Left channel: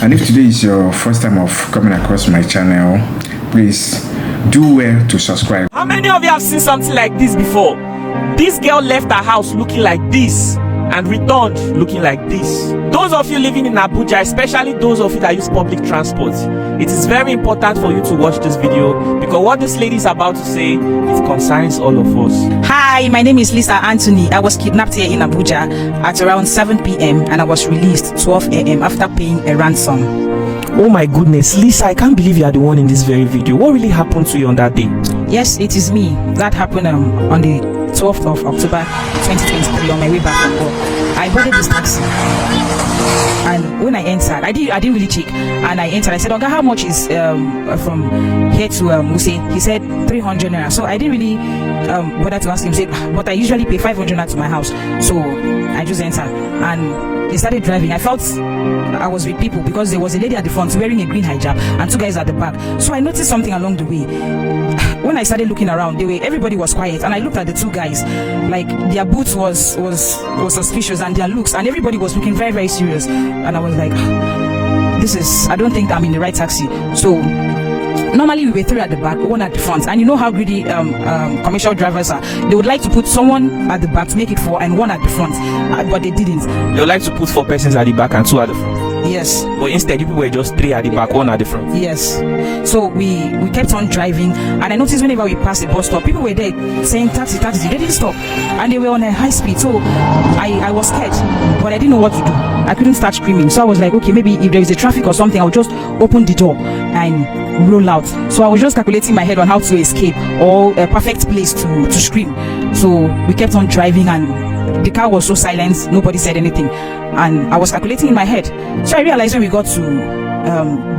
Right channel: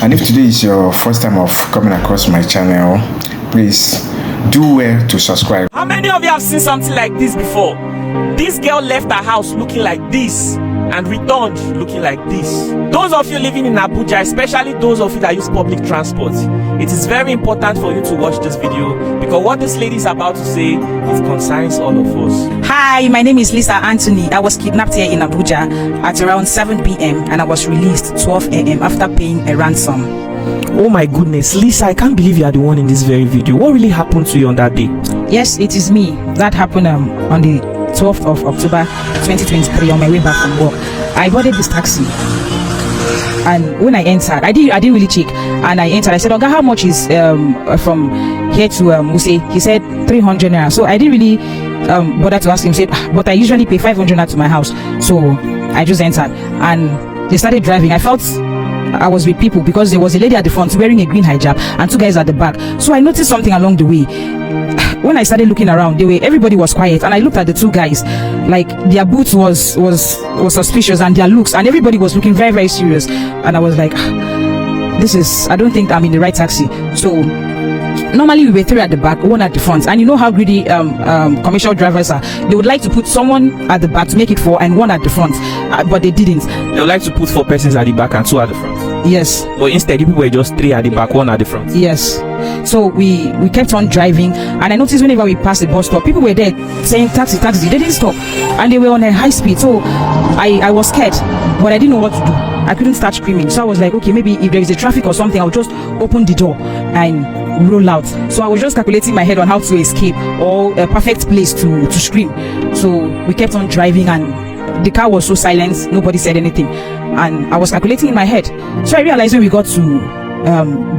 And if today is your first time of coming across my channel, please do well to subscribe. How many of you have seen something like this before? This girl left her house looking like this and returned looking like this. Those of you living in Abuja, especially those of you that use public transport, it is very important for you to watch this video, because what this lady is about to say, it concerns all of us. Hi, my name is Lisa Anthony. I was kidnapped here in Abuja at around 7 p.m. and I was released 12 a.m. after paying a ransom. Oh my goodness, Lisa, I can't believe you are the one in this very video. What really happened to you on that day? Yes, it is me. That happened on the 12th of October 2023 on my way back from work. I boarded this taxi, and when I entered, I didn't really check, and I entered. I said, "Oga, how much is from here to Wuse?" He said 300 naira. So I didn't really bother to ask him. Said, but I usually pay 500 naira to my house. So I just entered, and they started driving. I felt I was with people because there was a lady at the front wearing a green hijab and two guys at the back. So I noticed something along the way. When I started looking around, everybody was quiet, and I looked at the two guys, like their boots was suspicious, and their looks, and everybody was looking very, very serious. And I was like, I don't think I'm in the right taxi. So normally we were three at the back, one at the front, and you know how greedy commercial drivers are. They would like to put someone at the back to make it four and one at the front, but they didn't. They would like to put 4 persons at the back and 2 at the front. Yes. But instead, you people were just 3 at the back, 1 at the front. Yes. So we kept on driving, and I noticed whenever we passed the bus stop, people were there saying taxi, taxi. They didn't stop, and they were on a high speed. So I was scared, but I didn't know what to do. I couldn't start screaming. So I was like, okay, maybe if there is a traffic or something, I'll just open the door and roll out. So I was just calculating in my head on how to escape, or a perfect place to scream. So we kept on driving, and the car was so silent, nobody said anything, and I was calculating in my head. So I realized when we got to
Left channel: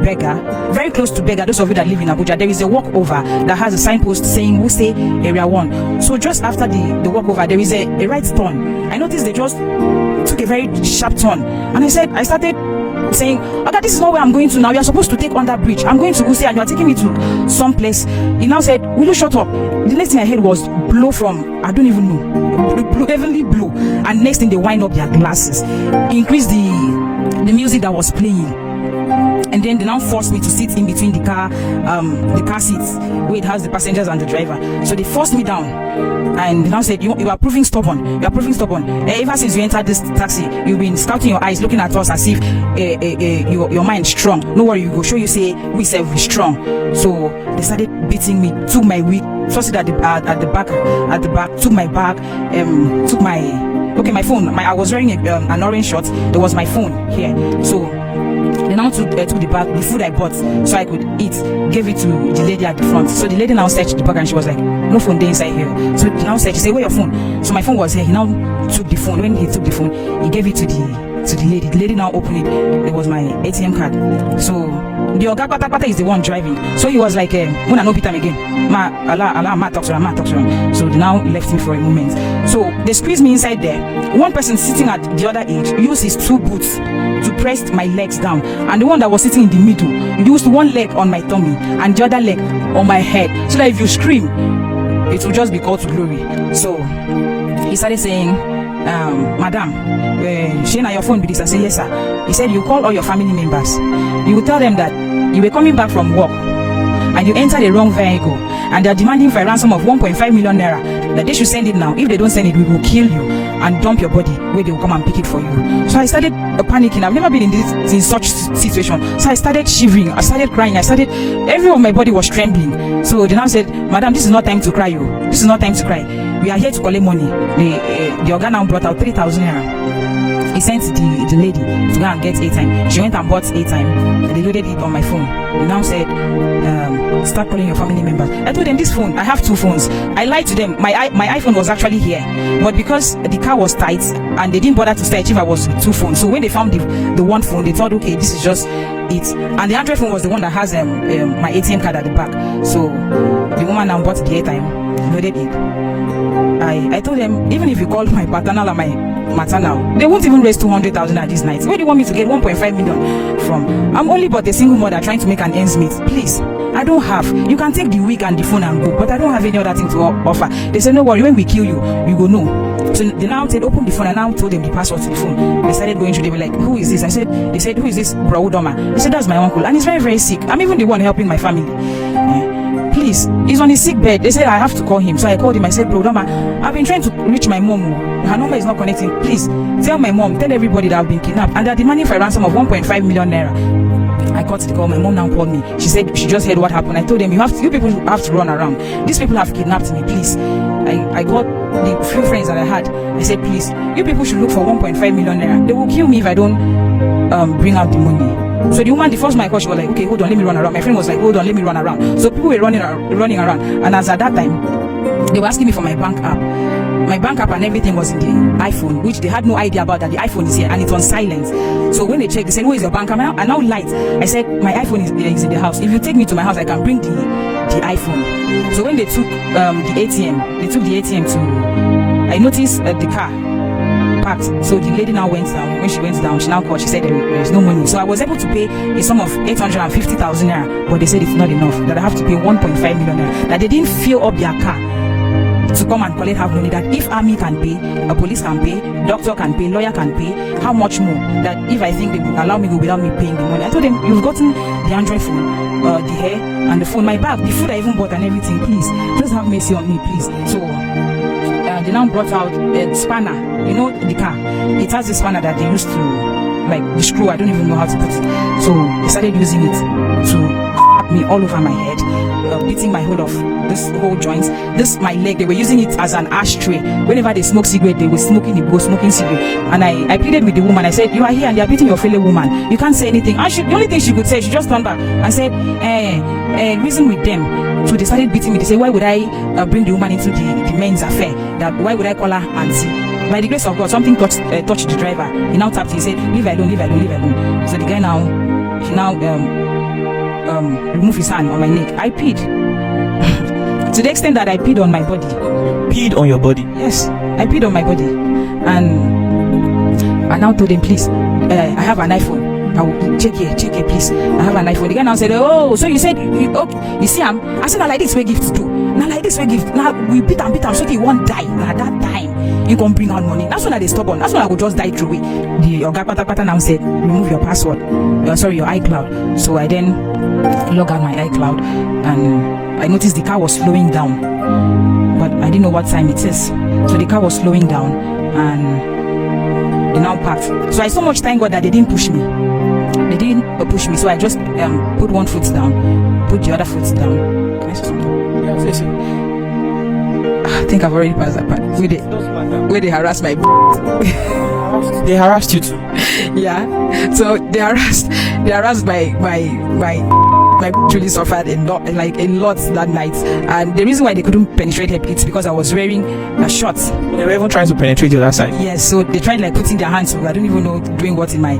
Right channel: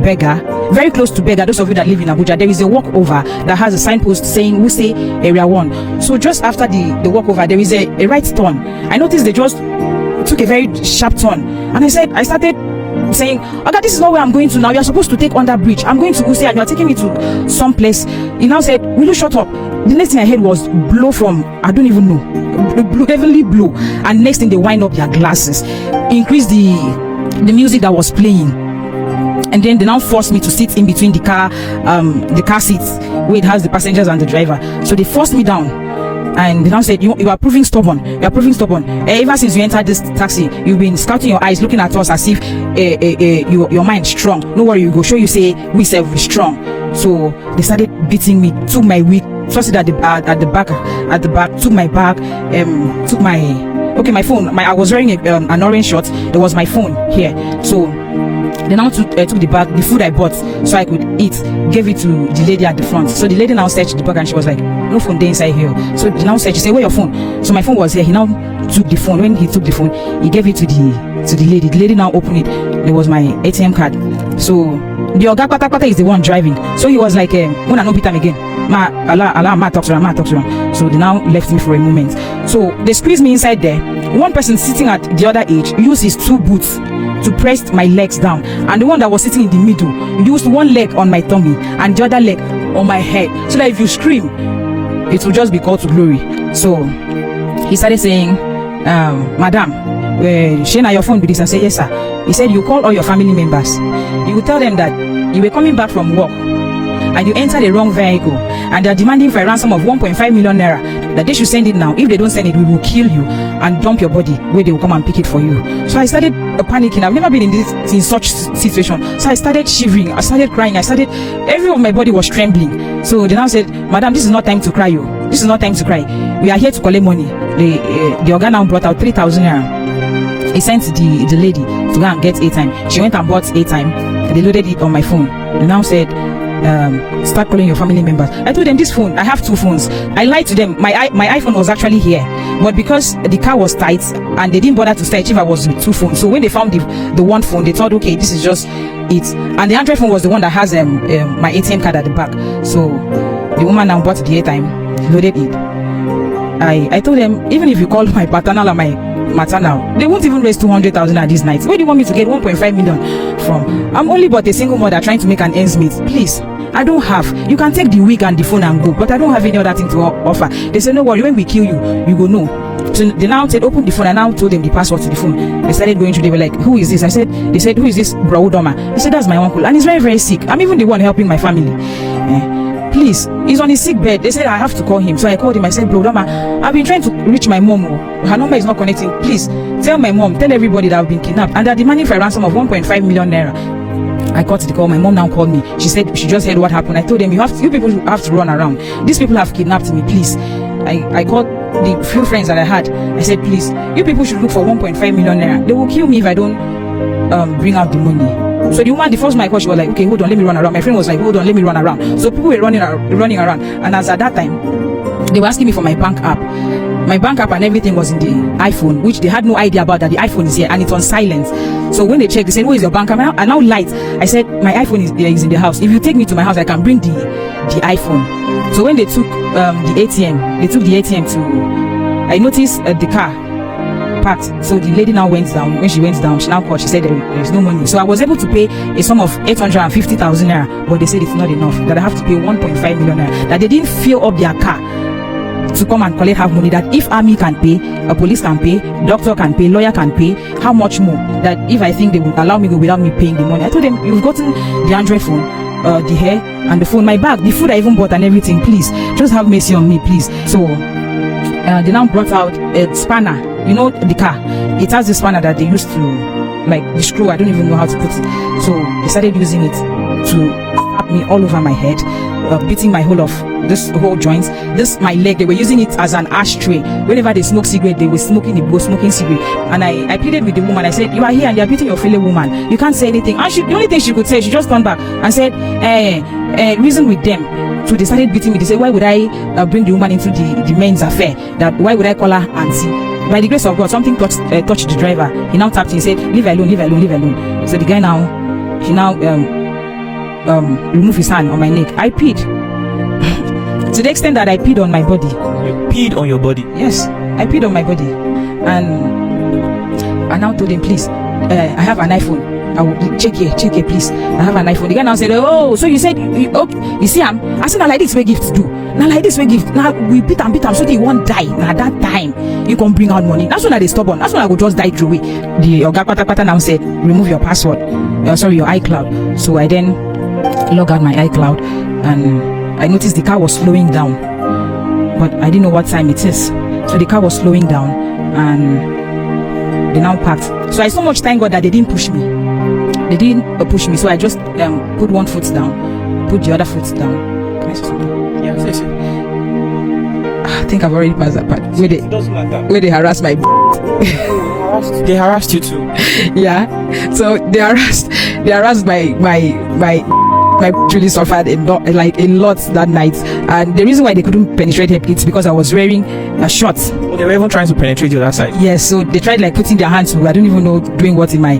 Beggar, very close to Beggar, those of you that live in Abuja, there is a walkover that has a signpost saying Wuse Area 1. So just after the walkover, there is a right turn. I noticed they just took a very sharp turn, and I started saying, "Okay, this is not where I'm going to now. You're supposed to take on that bridge. I'm going to Wuse, and you're taking me to some place." He now said, "Will you shut up?" The next thing I heard was blow from, I don't even know, blue, heavenly blue. And next thing, they wind up their glasses, increase the music that was playing. And then they now forced me to sit in between the car seats where it has the passengers and the driver. So they forced me down, and they now said, you are proving stubborn. You are proving stubborn. Ever since you entered this taxi, you've been scouting your eyes, looking at us as if your mind strong. No worry, we go show you say we self is strong. So they started beating me, took my wig, tossed it at the back, took my bag, took my phone. I was wearing an orange shirt. There was my phone here. So they now took the bag, the food I bought so I could eat, gave it to the lady at the front. So the lady now searched the bag, and she was like, "No phone there inside here." So she now searched, she said, "Where your phone?" So my phone was here. He now took the phone. When he took the phone, he gave it to the lady. The lady now opened it. There was my ATM card. So the Oga Pata is the one driving. So he was like, "When I no beat him again, ma talk to him." So they now left me for a moment. So they squeezed me inside there. One person sitting at the other edge used his 2 boots to press my legs down, and the one that was sitting in the middle used one leg on my tummy and the other leg on my head, so that if you scream, it will just be called to glory. So he started saying, "Madam, Shana, your phone be this?" I said, "Yes, sir." He said, "You call all your family members. You will tell them that you were coming back from work and you entered the wrong vehicle, and they are demanding for a ransom of 1.5 million naira. That they should send it now. If they don't send it, we will kill you and dump your body where they will come and pick it for you." So I started panicking. I've never been in such situation. So I started shivering. I started crying. Every of my body was trembling. So they now said, "Madam, this is not time to cry. This is not time to cry. We are here to collect money." The organ now brought out 3,000 naira. He sent the lady to go and get airtime. She went and bought airtime. They loaded it on my phone. They now said, "Start calling your family members." I told them, this phone, I have 2 phones. I lied to them. My iPhone was actually here, but because the car was tight and they didn't bother to search if I was with 2 phones. So when they found the one phone, they thought, okay, this is just it. And the Android phone was the one that has my ATM card at the back. So the woman now bought the airtime, loaded it. I told them, even if you call my paternal and my maternal, they won't even raise 200,000 at this night. Where do you want me to get 1.5 million from? I'm only but a single mother trying to make an ends meet. Please, I don't have. You can take the wig and the phone and go, but I don't have any other thing to offer. They said, "No worry, when we kill you, you go know." So they now said, open the phone. I now told them the password to the phone. They started going through. They were like, who is this? They said, who is this bro Udoma? He said, that's my uncle. And he's very, very sick. I'm even the one helping my family. Please, he's on his sick bed. They said, I have to call him. So I called him. I said, bro Udoma, I've been trying to reach my mom. Her number is not connecting. Please, tell my mom, tell everybody that I've been kidnapped. And they're demanding for a ransom of 1.5 million naira. I got the call. My mom now called me. She said she just heard what happened. I told them, you people have to run around. These people have kidnapped me, please. I called the few friends that I had. I said, please, you people should look for 1.5 million naira. They will kill me if I don't bring out the money. So the woman, the first my call, she was like, okay, hold on, let me run around. My friend was like, hold on, let me run around. So people were running around. And as at that time, they were asking me for my bank app. My bank app and everything was in the iPhone, which they had no idea about, that the iPhone is here and it's on silent. So when they checked, they said, where is your bank app? And now light. I said, my iPhone is in the house. If you take me to my house, I can bring the iPhone. So when they took the ATM to, I noticed the car parked. So the lady now went down. When she went down, she now called. She said there is no money. So I was able to pay a sum of 850,000 naira, but they said it's not enough, that I have to pay 1.5 million naira, that they didn't fill up their car to come and collect half money, that if army can pay, a police can pay, doctor can pay, lawyer can pay, how much more, that if I think they would allow me go without me paying the money. I told them, you've gotten the Android phone, the hair and the phone, my bag, the food I even bought and everything, please just have mercy on me, please. So they now brought out a spanner, you know, the car, it has the spanner that they used to, like the screw, I don't even know how to put it. So they started using it to tap me all over my head, beating my whole off. This whole joints, this my leg, they were using it as an ashtray. Whenever they smoke cigarette, they were smoking cigarette. And I pleaded with the woman. I said, you are here and they are beating your fellow woman. You can't say anything. And the only thing she could say, she just turned back and said, reason with them. So they started beating me. They said, why would I bring the woman into the men's affair? That why would I call her auntie? By the grace of God, something touched the driver. He now tapped. He said, leave her alone, leave her alone, leave her alone. So the guy now, he now removed his hand on my neck. I peed. To the extent that I peed on my body. You peed on your body? Yes, I peed on my body. And I now told him, please, I have an iPhone. I will check here, please. I have an iPhone. The guy now said, oh, so you said, okay, you see, I said, now like this, we gift do. Now like this, we gift. Now we beat him, so he won't die. Now that time, you can bring out money. That's when they stubborn. That's when I would just die through it. The Oga Pata now said, remove your password. Your iCloud. So I then log out my iCloud and I noticed the car was slowing down, but I didn't know what time it is. So the car was slowing down and they now parked. So I so much thank God that they didn't push me. They didn't push me. So I just put one foot down, put the other foot down. Can I say something? Yeah, say so. I think I've already passed that part. Where they harassed my They harassed you too? Yeah. So they harassed my really suffered a lot that night, and the reason why they couldn't penetrate her it's because I was wearing shorts. Well, they were even trying to penetrate the other side. Yes, so they tried like putting their hands to, I don't even know doing what in my,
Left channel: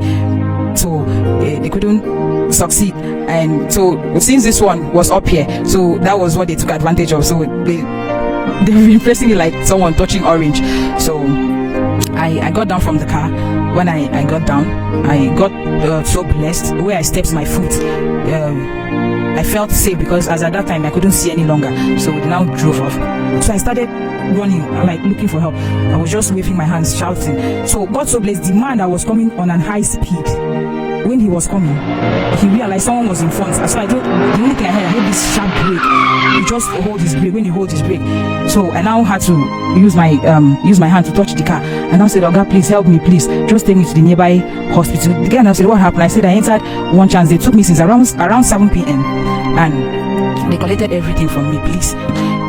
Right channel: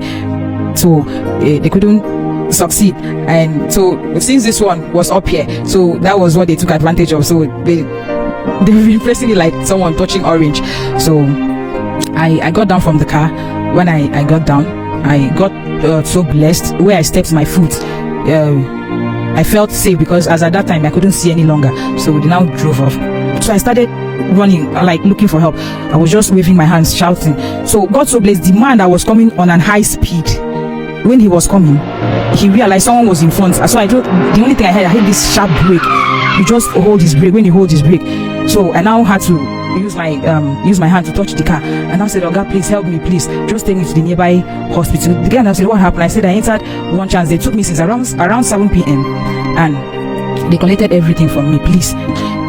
so they couldn't succeed. And so since this one was up here, so that was what they took advantage of. So they were been it like someone touching orange. So I got down from the car. When I got down, I got so blessed. Where I stepped my foot, I felt safe because as at that time I couldn't see any longer. So they now drove off. So I started running, like looking for help. I was just waving my hands, shouting. So God so blessed, the man that was coming on an high speed, when he was coming, he realized someone was in front. So the only thing I heard this sharp brake. He just hold his brake. When he holds his brake, so I now had to use my hand to touch the car. And I said, "Oh God, please help me, please. Just take me to the nearby hospital." The guy now said, "What happened?" I said, "I entered one chance. They took me since around 7 p.m. and they collected everything from me. Please."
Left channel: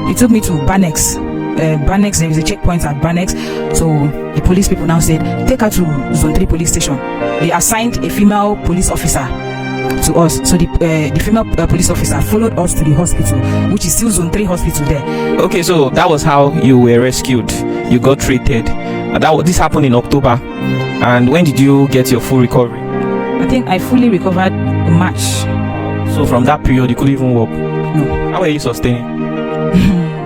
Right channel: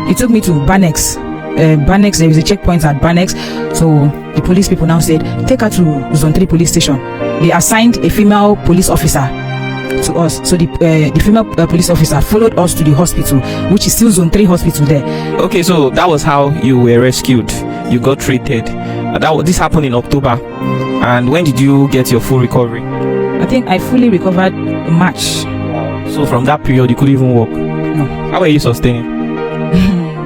He took me to Banex. Banex, there is a checkpoint at Banex. So the police people now said, take her to Zone 3 police station. They assigned a female police officer to us. So the female police officer followed us to the hospital, which is still Zone 3 hospital there. Okay, so that was how you were rescued. You got treated. This happened in October. And when did you get your full recovery? I think I fully recovered in March. So from that period, you couldn't even walk? No. How were you sustaining?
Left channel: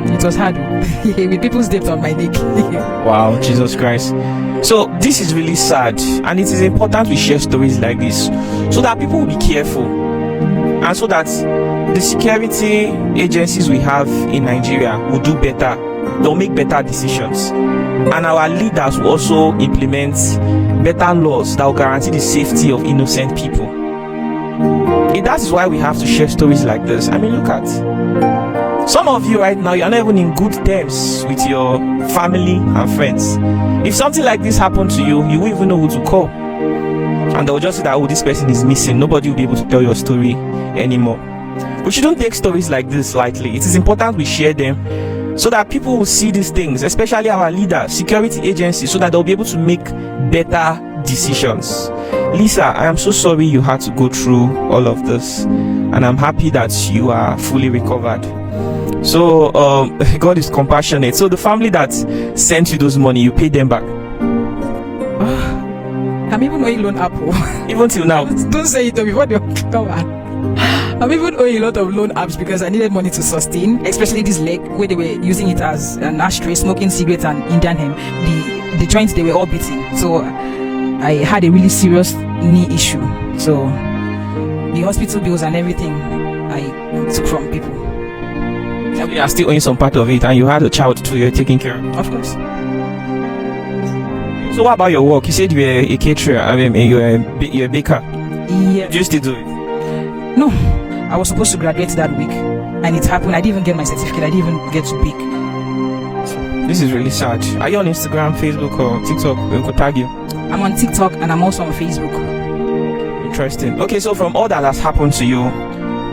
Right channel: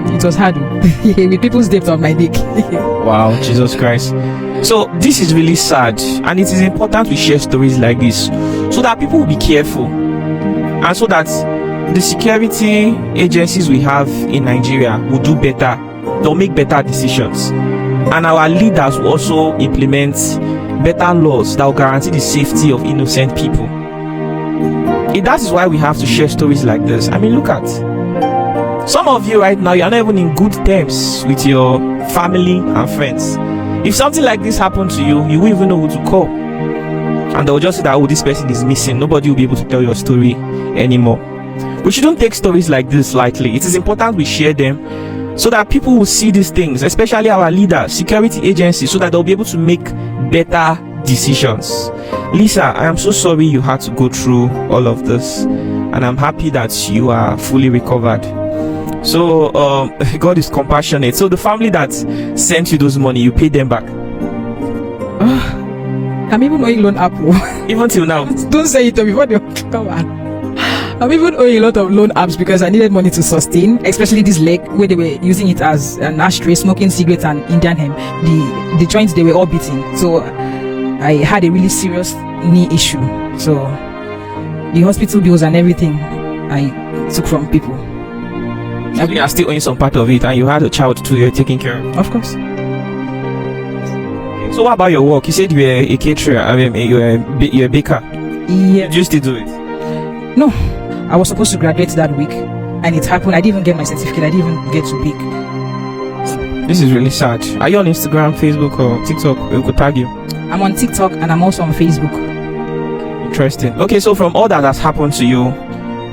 It was hard with people's debt on my dick. Wow, Jesus Christ. So this is really sad, and it is important we share stories like this so that people will be careful, and so that the security agencies we have in Nigeria will do better. They'll make better decisions. And our leaders will also implement better laws that will guarantee the safety of innocent people. That is why we have to share stories like this. I mean, look at some of you right now, you're not even in good terms with your family and friends. If something like this happened to you, you won't even know who to call. And they'll just say that, oh, this person is missing. Nobody will be able to tell your story anymore. We shouldn't take stories like this lightly. It is important we share them so that people will see these things, especially our leaders, security agencies, so that they'll be able to make better decisions. Lisa, I am so sorry you had to go through all of this, and I'm happy that you are fully recovered. So God is compassionate. So the family that sent you those money, you paid them back? I'm even owing loan app. Even till now? Don't say it before they come on. I'm even owing a lot of loan apps because I needed money to sustain, especially this leg where they were using it as an ashtray, smoking cigarettes and Indian hemp. The joints, they were all beating. So I had a really serious knee issue. So the hospital bills and everything I took from people. So you are still owing some part of it, and you had a child too you're taking care of? Of course. So what about your work? You said you were a caterer, you're a baker. Yeah. Do you still do it? No. I was supposed to graduate that week, and it happened. I didn't even get my certificate. I didn't even get to bake. This is really sad. Are you on Instagram, Facebook, or TikTok? We could tag you. I'm on TikTok and I'm also on Facebook. Interesting. Okay, so from all that has happened to you,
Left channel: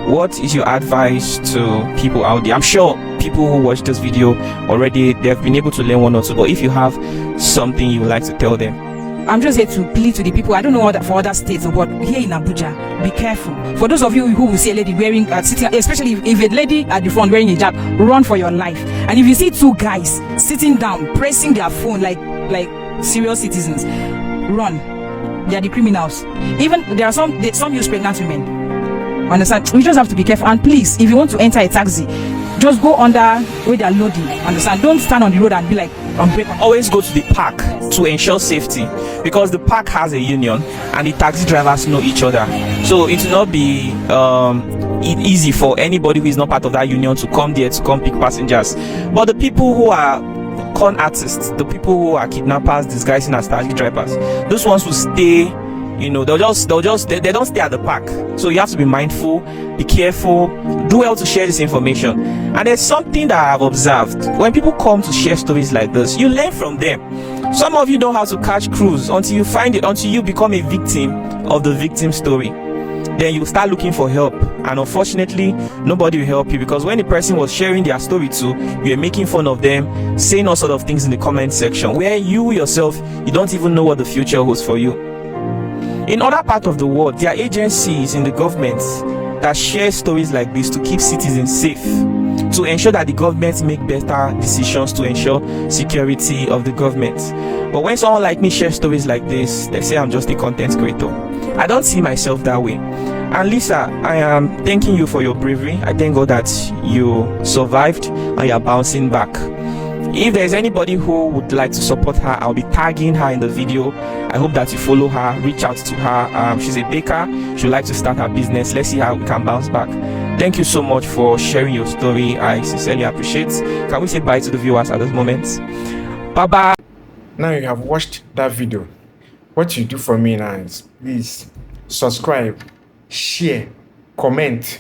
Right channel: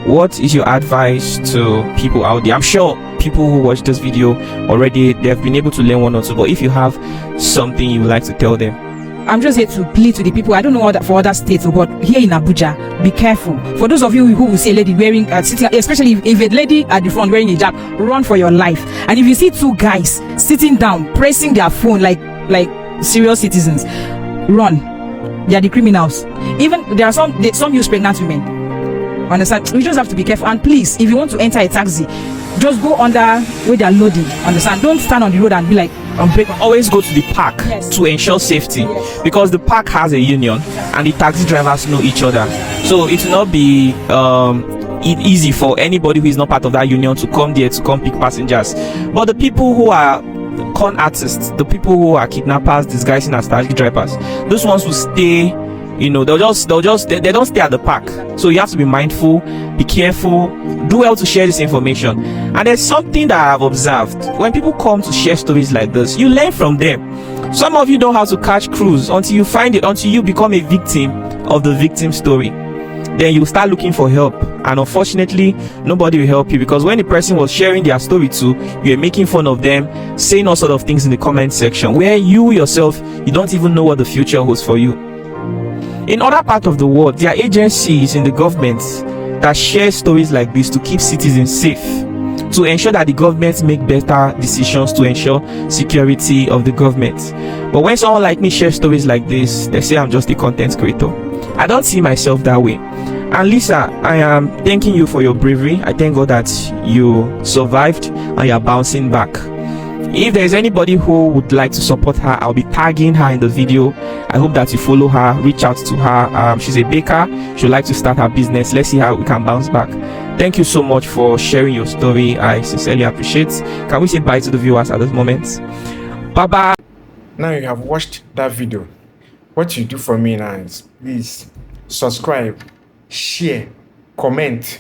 what is your advice to people out there? I'm sure people who watch this video already, they have been able to learn one or two, but if you have something you would like to tell them. I'm just here to plead to the people. I don't know for other states, but here in Abuja, be careful. For those of you who will see a lady wearing, sitting, especially if a lady at the front wearing a hijab, run for your life. And if you see two guys sitting down, pressing their phone like serious citizens, run. They are the criminals. Even there are some use pregnant women. Understand? We just have to be careful. And please, if you want to enter a taxi, just go under where they are loading. Understand? Don't stand on the road and be like, always go to the park to ensure safety, because the park has a union and the taxi drivers know each other, so it will not be easy for anybody who is not part of that union to come there to come pick passengers. But the people who are con artists, the people who are kidnappers disguising as taxi drivers, those ones will stay, they don't stay at the park. So you have to be mindful, be careful, do well to share this information. And there's something that I've observed: when people come to share stories like this, you learn from them. Some of you don't have to catch cruise until you find it, until you become a victim of the victim story. Then you start looking for help, and unfortunately nobody will help you, because when the person was sharing their story too, you were making fun of them, saying all sort of things in the comment section, where you yourself, you don't even know what the future holds for you. In other parts of the world, there are agencies in the government that share stories like this to keep citizens safe, to ensure that the government make better decisions to ensure security of the government. But when someone like me shares stories like this, they say I'm just a content creator. I don't see myself that way. And Lisa, I am thanking you for your bravery. I thank God that you survived and you are bouncing back. If there's anybody who would like to support her, I'll be tagging her in the video. I hope that you follow her, reach out to her. She's a baker. She would like to start her business. Let's see how we can bounce back. Thank you so much for sharing your story. I sincerely appreciate. Can we say bye to the viewers at this moment? Bye bye. Now you have watched that video. What you do for me now is please subscribe, share, comment.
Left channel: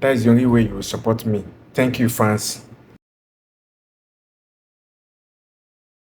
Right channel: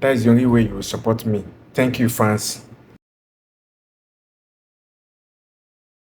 That is the only way you will support me. Thank you, fans.